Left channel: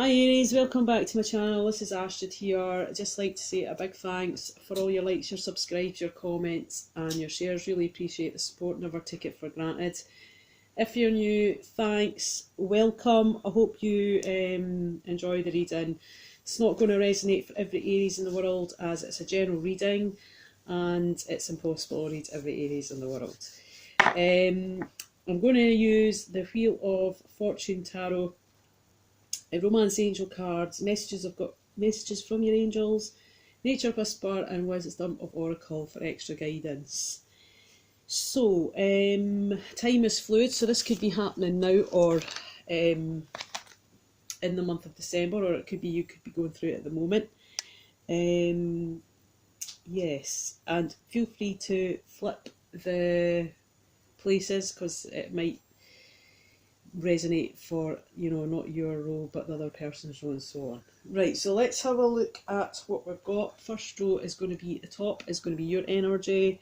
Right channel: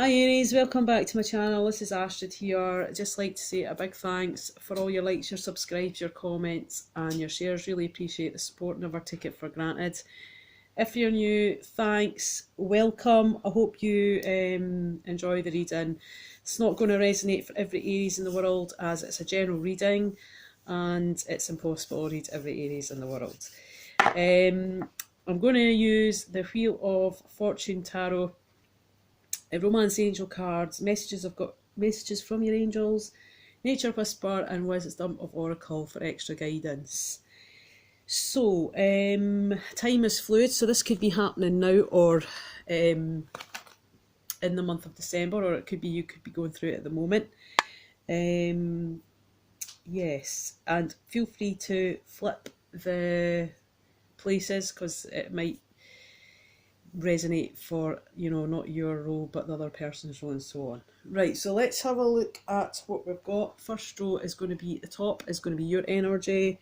Hi Aries, welcome back to my channel. This is Astrid here. I'd just like to say a big thanks for all your likes, your subscribes, your comments and your shares. Really appreciate the support, never take it for granted. If you're new, thanks, welcome. I hope you enjoy the reading. It's not going to resonate for every Aries in the world as it's a general reading and it's impossible to read every Aries in the world. I'm going to use the Wheel of Fortune Tarot, Romance Angel cards, messages. I've got messages from your angels, Nature Whisper and Wisdom of Oracle for extra guidance. So, time is fluid, so this could be happening now or in the month of December, or it could be you could be going through it at the moment. Yes, and feel free to flip the places because it might resonate for, you know, not your role but the other person's role and so on. Right, so let's have a look at what we've got. First row is going to be, the top is going to be your energy,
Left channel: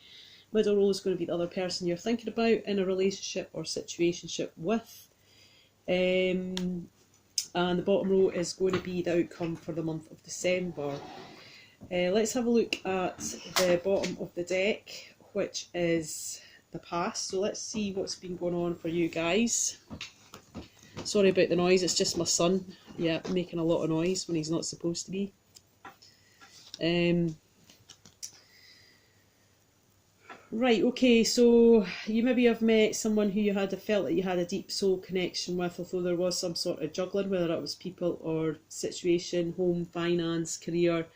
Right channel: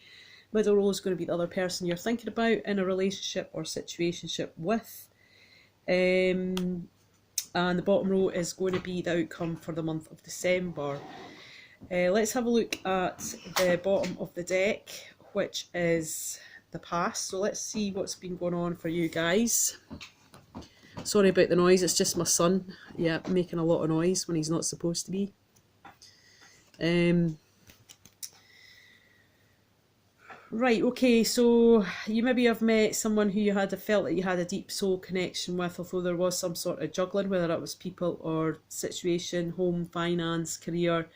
middle row is going to be the other person you're thinking about in a relationship or situationship with, and the bottom row is going to be the outcome for the month of December. Let's have a look at the bottom of the deck, which is the past. So let's see what's been going on for you guys. Sorry about the noise, it's just my son, yeah, making a lot of noise when he's not supposed to be. Right, okay, so you maybe have met someone who you had felt that you had a deep soul connection with, although there was some sort of juggling, whether it was people or situation, home, finance, career.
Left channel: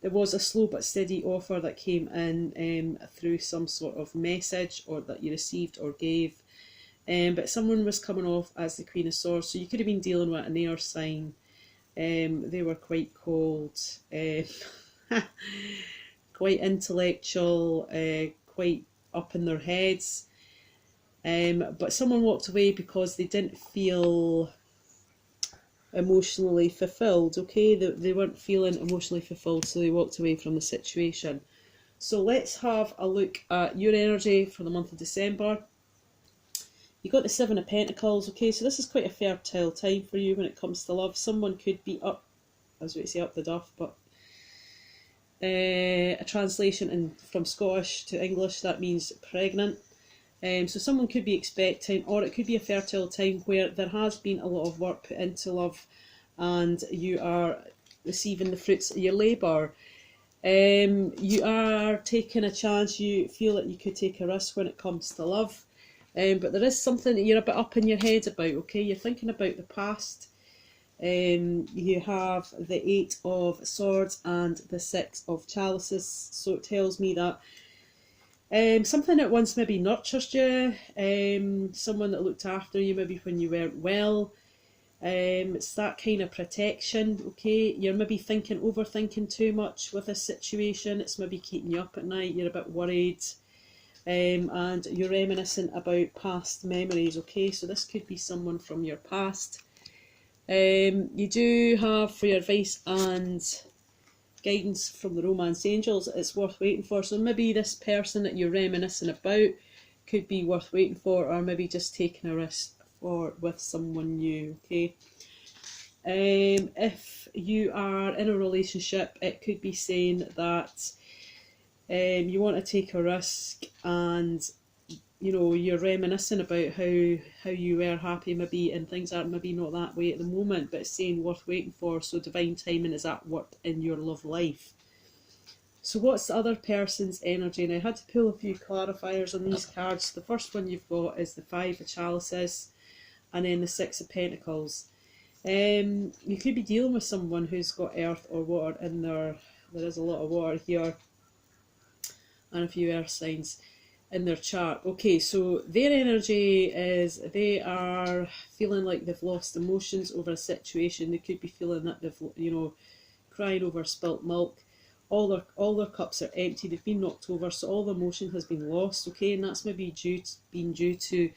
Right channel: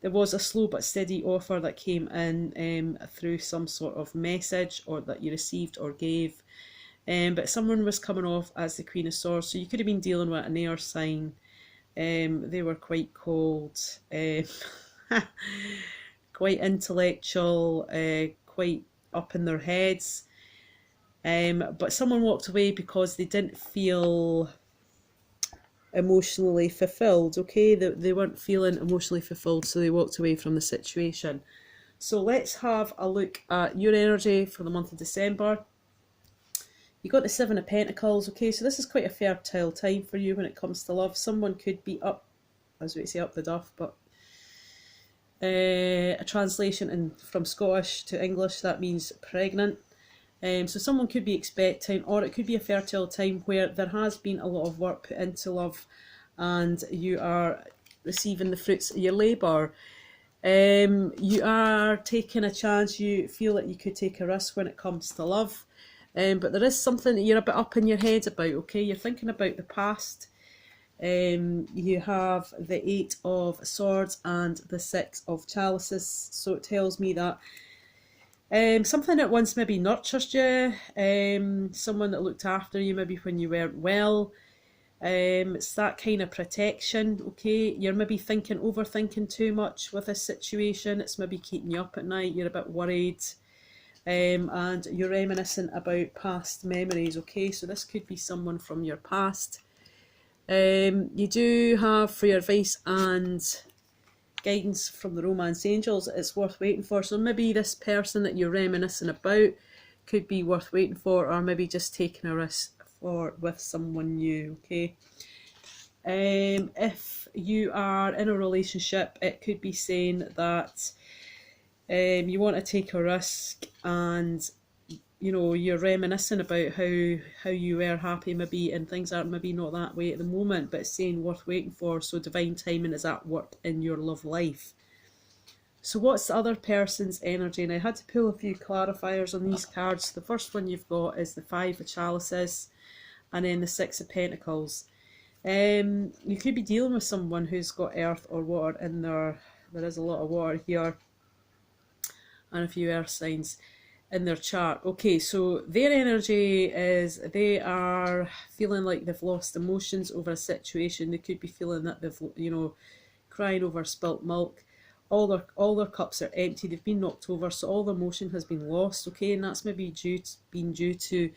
There was a slow but steady offer that came in through some sort of message or that you received or gave. But someone was coming off as the Queen of Swords, so you could have been dealing with an air sign. They were quite cold, quite intellectual, quite up in their heads. But someone walked away because they didn't feel emotionally fulfilled, okay? They weren't feeling emotionally fulfilled, so they walked away from the situation. So let's have a look at your energy for the month of December. You got the Seven of Pentacles, okay, so this is quite a fertile time for you when it comes to love. Someone could be up, as we say, up the duff, but a translation from Scottish to English, that means pregnant. So someone could be expecting, or it could be a fertile time where there has been a lot of work put into love and you are receiving the fruits of your labour. You are taking a chance, you feel that you could take a risk when it comes to love. But there is something that you're a bit up in your head about, okay? You're thinking about the past. You have the Eight of Swords and the Six of Chalices, so it tells me that something that once maybe nurtured you, someone that looked after you maybe when you weren't well, it's that kind of protection, okay? You're maybe overthinking too much with this situation, it's maybe keeping you up at night, you're a bit worried. And you're reminiscing about past memories, okay? So this could be someone from your past. You do have, for your advice and guidance from the Romance Angels, it's worth waiting for. So maybe this person that you're reminiscing about could be worth waiting for, or maybe just taking a risk with someone new, okay? If you are in a relationship, it could be saying that you want to take a risk and, you know, you're reminiscing about how you were happy maybe and things are maybe not that way at the moment, but it's saying worth waiting for, so divine timing is at work in your love life. So what's the other person's energy? And I had to pull a few clarifiers on these cards. The first one you've got is the Five of Chalices and then the Six of Pentacles. You could be dealing with someone who's got earth or water in there. There is a lot of water here and a few earth signs in their chart. Okay, so their energy is they are feeling like they've lost emotions over a situation. They could be feeling that they've, you know, crying over spilt milk. All their cups are empty, they've been knocked over, so all the emotion has been lost, okay? And that's maybe due to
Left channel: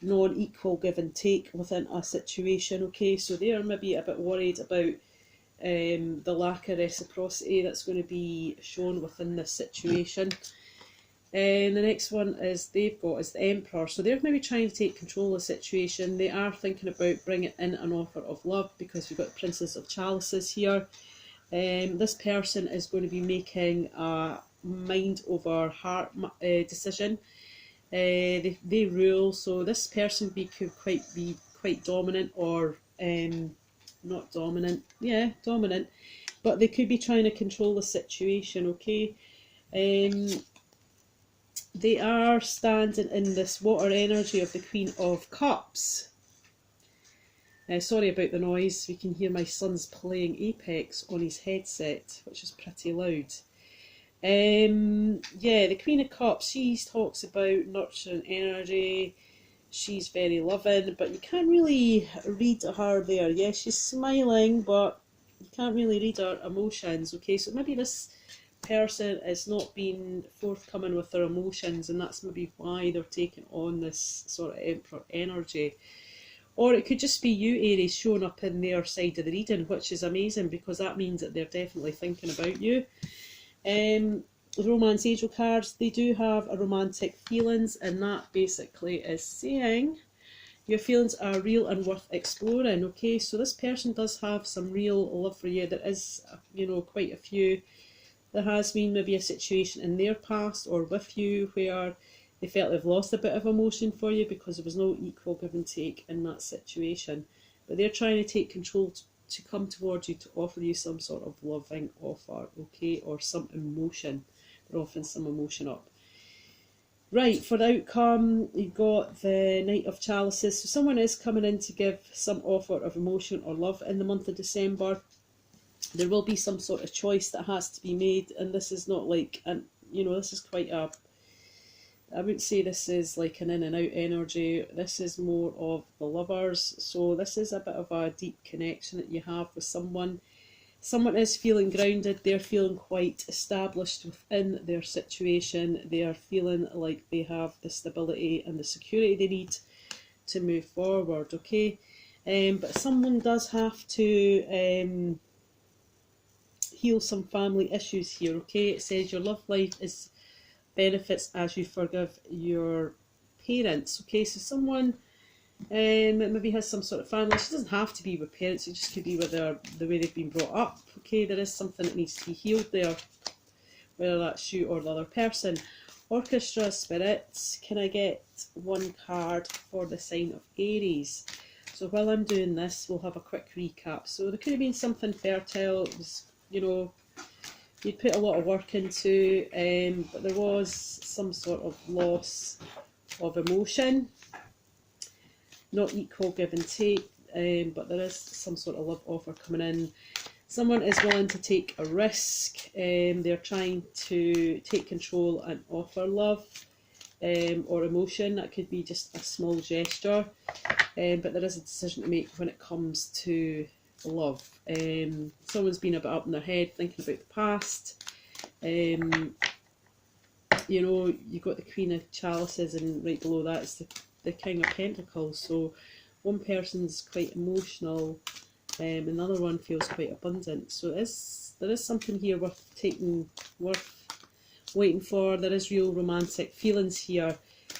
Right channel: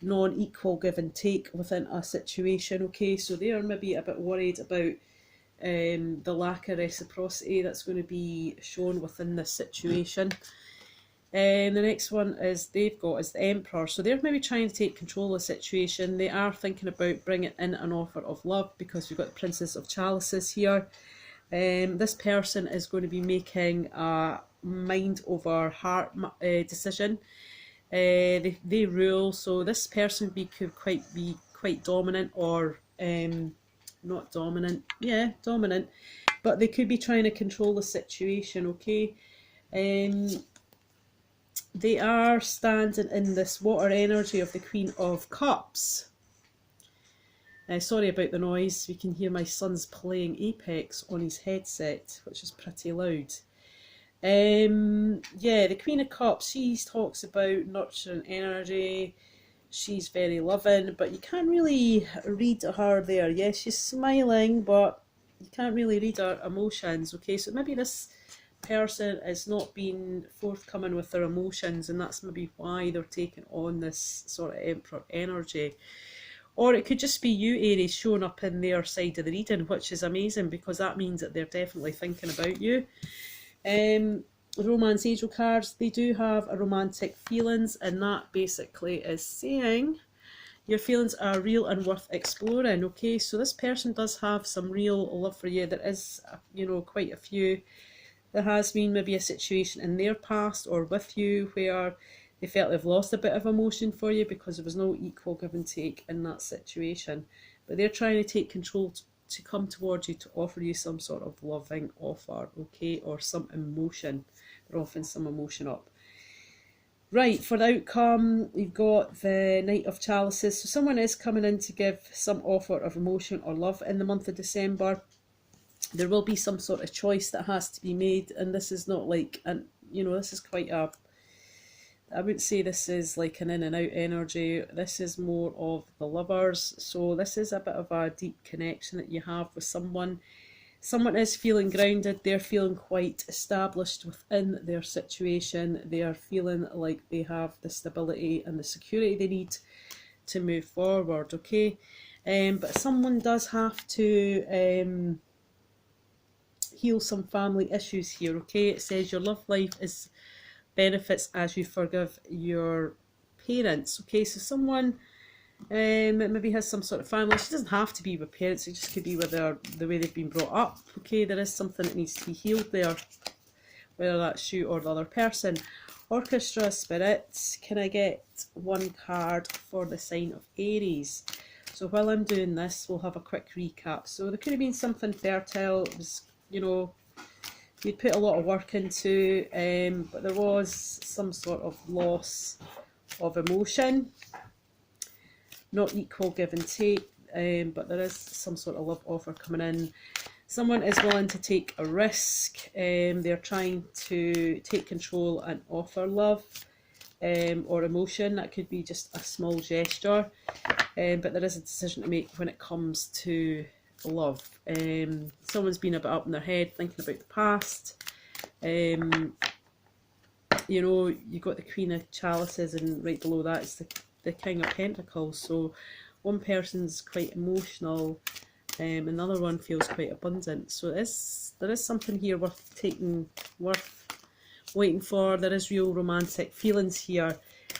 non-equal give and take within a situation, okay? So they are maybe a bit worried about the lack of reciprocity that's going to be shown within this situation. And the next one is they've got is the Emperor. So they're maybe trying to take control of the situation. They are thinking about bringing in an offer of love, because we've got the Princess of Chalices here. This person is going to be making a mind over heart decision. They rule, so this person could be quite dominant, or not dominant, yeah, dominant, but they could be trying to control the situation, okay? They are standing in this water energy of the Queen of Cups. Sorry about the noise, we can hear my son's playing Apex on his headset, which is pretty loud. Yeah, the Queen of Cups, she talks about nurturing energy. She's very loving, but you can't really read her there. Yes, she's smiling, but you can't really read her emotions, okay? So maybe this person is not being forthcoming with their emotions, and that's maybe why they're taking on this sort of Emperor energy. Or it could just be you, Aries, showing up in their side of the reading, which is amazing, because that means that they're definitely thinking about you. Romance angel cards, they do have a romantic feelings, and that basically is saying your feelings are real and worth exploring, okay? So this person does have some real love for you. There is, you know, quite a few. There has been maybe a situation in their past or with you where they felt they've lost a bit of emotion for you because there was no equal give and take in that situation. But they're trying to take control to come towards you, to offer you some sort of loving offer, okay, or some emotion. They're offering some emotion up. Right, for the outcome, you've got the Knight of Chalices. So someone is coming in to give some offer of emotion or love in the month of December. There will be some sort of choice that has to be made, and this is not like, and you know, this is quite a, I wouldn't say this is like an in and out energy. This is more of the lovers. So this is a bit of a deep connection that you have with someone. Someone is feeling grounded. They're feeling quite established within their situation. They are feeling like they have the stability and the security they need to move forward, okay? But someone does have to heal some family issues here, okay? It says your love life is benefits as you forgive your parents, okay? So someone maybe has some sort of family. It doesn't have to be with parents, it just could be with the way they've been brought up, okay? There is something that needs to be healed there, whether that's you or the other person. Orchestra spirits, can I get one card for the sign of Aries? So while I'm doing this, we'll have a quick recap. So there could have been something fertile, it was, you know, you'd put a lot of work into, but there was some sort of loss of emotion, not equal give and take, but there is some sort of love offer coming in. Someone is willing to take a risk, they're trying to take control and offer love or emotion. That could be just a small gesture, but there is a decision to make when it comes to love. Someone's been a bit up in their head thinking about the past. You know, you've got the Queen of Chalices, and right below that is the King of Pentacles. So one person's quite emotional, another one feels quite abundant. So there is something here worth waiting for. There is real romantic feelings here,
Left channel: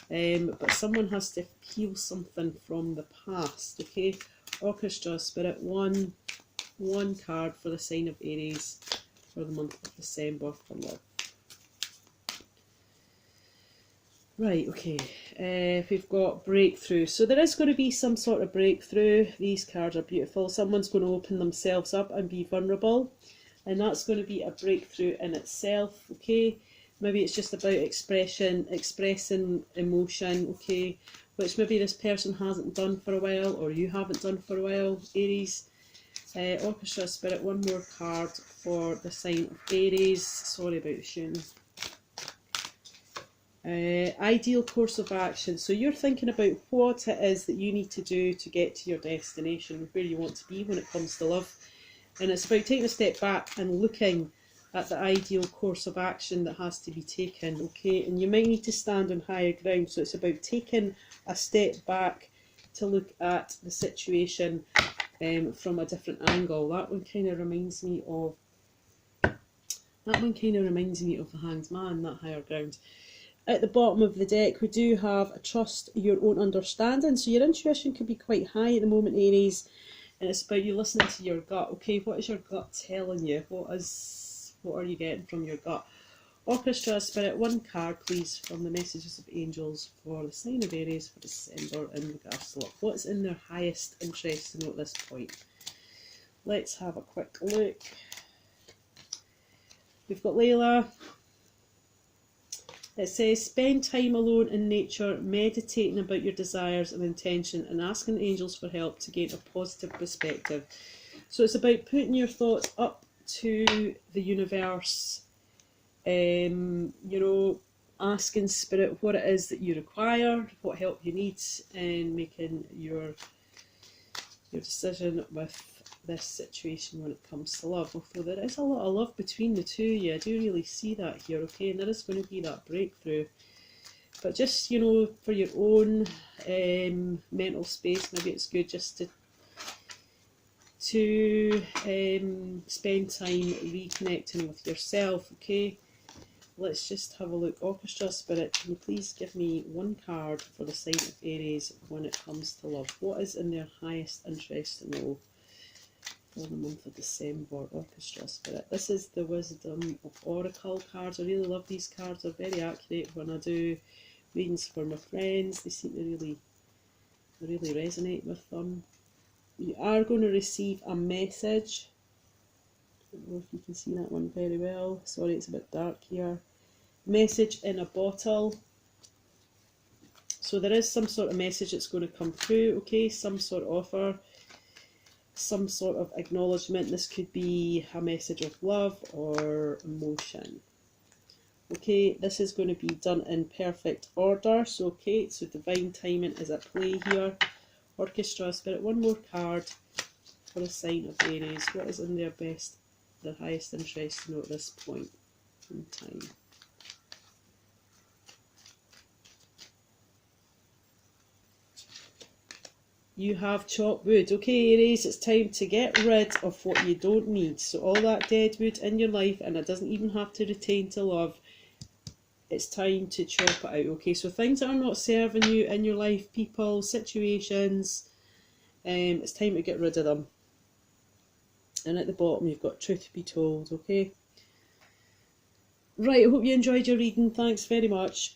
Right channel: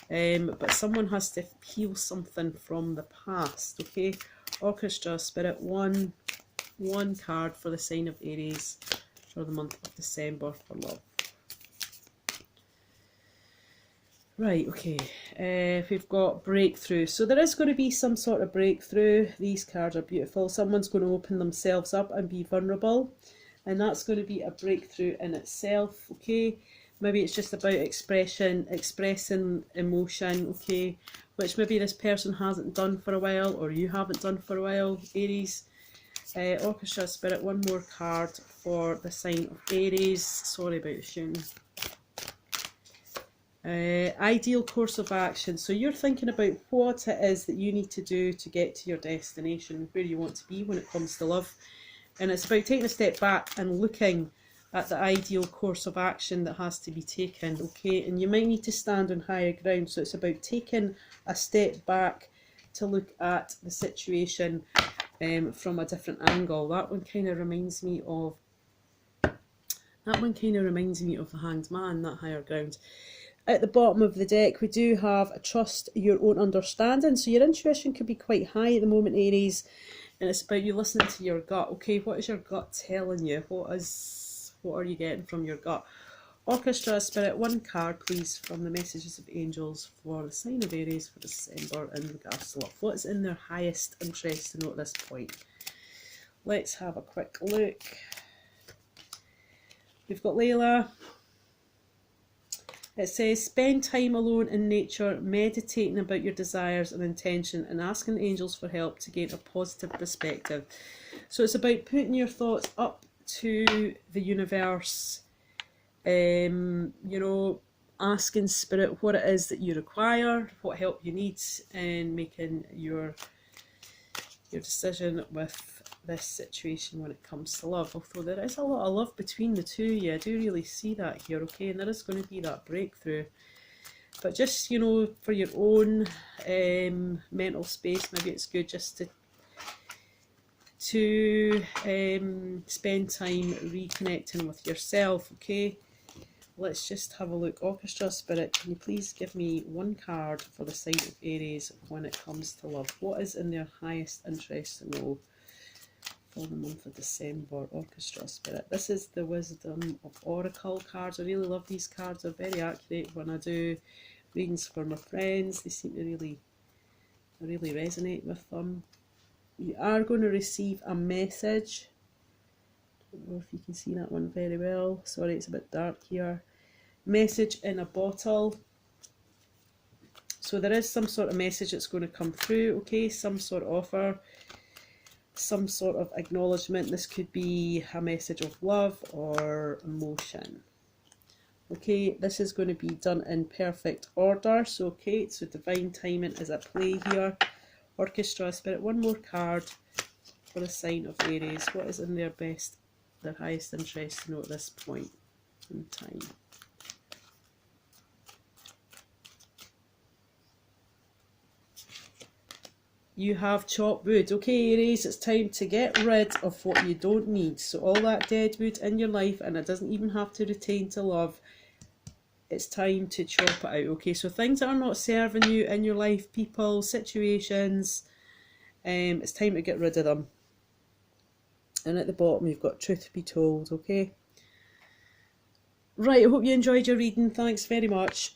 but someone has to heal something from the past, okay? Orchestra spirit, one card for the sign of Aries for the month of December for love. Right, okay, we've got breakthrough. So there is going to be some sort of breakthrough. These cards are beautiful. Someone's going to open themselves up and be vulnerable, and that's going to be a breakthrough in itself, okay? Maybe it's just about expressing emotion, okay, which maybe this person hasn't done for a while, or you haven't done for a while, Aries. Orchestra spirit, one more card for the sign of Aries. Sorry about the shooting. Ideal course of action. So you're thinking about what it is that you need to do to get to your destination, where you want to be when it comes to love. And it's about taking a step back and looking at the ideal course of action that has to be taken, okay? And you might need to stand on higher ground, so it's about taking a step back to look at the situation from a different angle. That one kind of reminds me of the Hanged Man, that higher ground. At the bottom of the deck, we do have a trust your own understanding. So your intuition could be quite high at the moment, Aries, and it's about you listening to your gut. Okay, what is your gut telling you? What are you getting from your gut? Orchestra Spirit, one card please from the messages of angels for the sign of Aries for December in regards to love. What's in their highest interest to know at this point? Let's have a quick look. We've got Layla. It says, spend time alone in nature, meditating about your desires and intention and asking the angels for help to gain a positive perspective. So it's about putting your thoughts up to the universe, you know, asking Spirit what it is that you require, what help you need, and making your decision with this situation when it comes to love. Although there is a lot of love between the two of you, I do really see that here, okay, and there is going to be that breakthrough. But just, you know, for your own mental space, maybe it's good just to spend time reconnecting with yourself, okay? Let's just have a look. Orchestra Spirit, can you please give me one card for the sign of Aries when it comes to love? What is in their highest interest to know for the month of December? Orchestra Spirit. This is the Wisdom of Oracle cards. I really love these cards. They're very accurate when I do readings for my friends. They seem to really resonate with them. You are going to receive a message. I don't know if you can see that one very well. Sorry, it's a bit dark here. Message in a bottle. So there is some sort of message that's going to come through, okay? Some sort of offer, some sort of acknowledgement. This could be a message of love or emotion. Okay, this is going to be done in perfect order. So, okay, so divine timing is at play here. Orchestra Spirit, one more card for the sign of Aries. What is in their highest interest to know at this point in time? You have chopped wood. Okay, Aries, it's time to get rid of what you don't need. So all that dead wood in your life, and it doesn't even have to retain to love, it's time to chop it out. Okay, so things that are not serving you in your life, people, situations, it's time to get rid of them. And at the bottom you've got truth be told, okay? Right, I hope you enjoyed your reading. Thanks very much.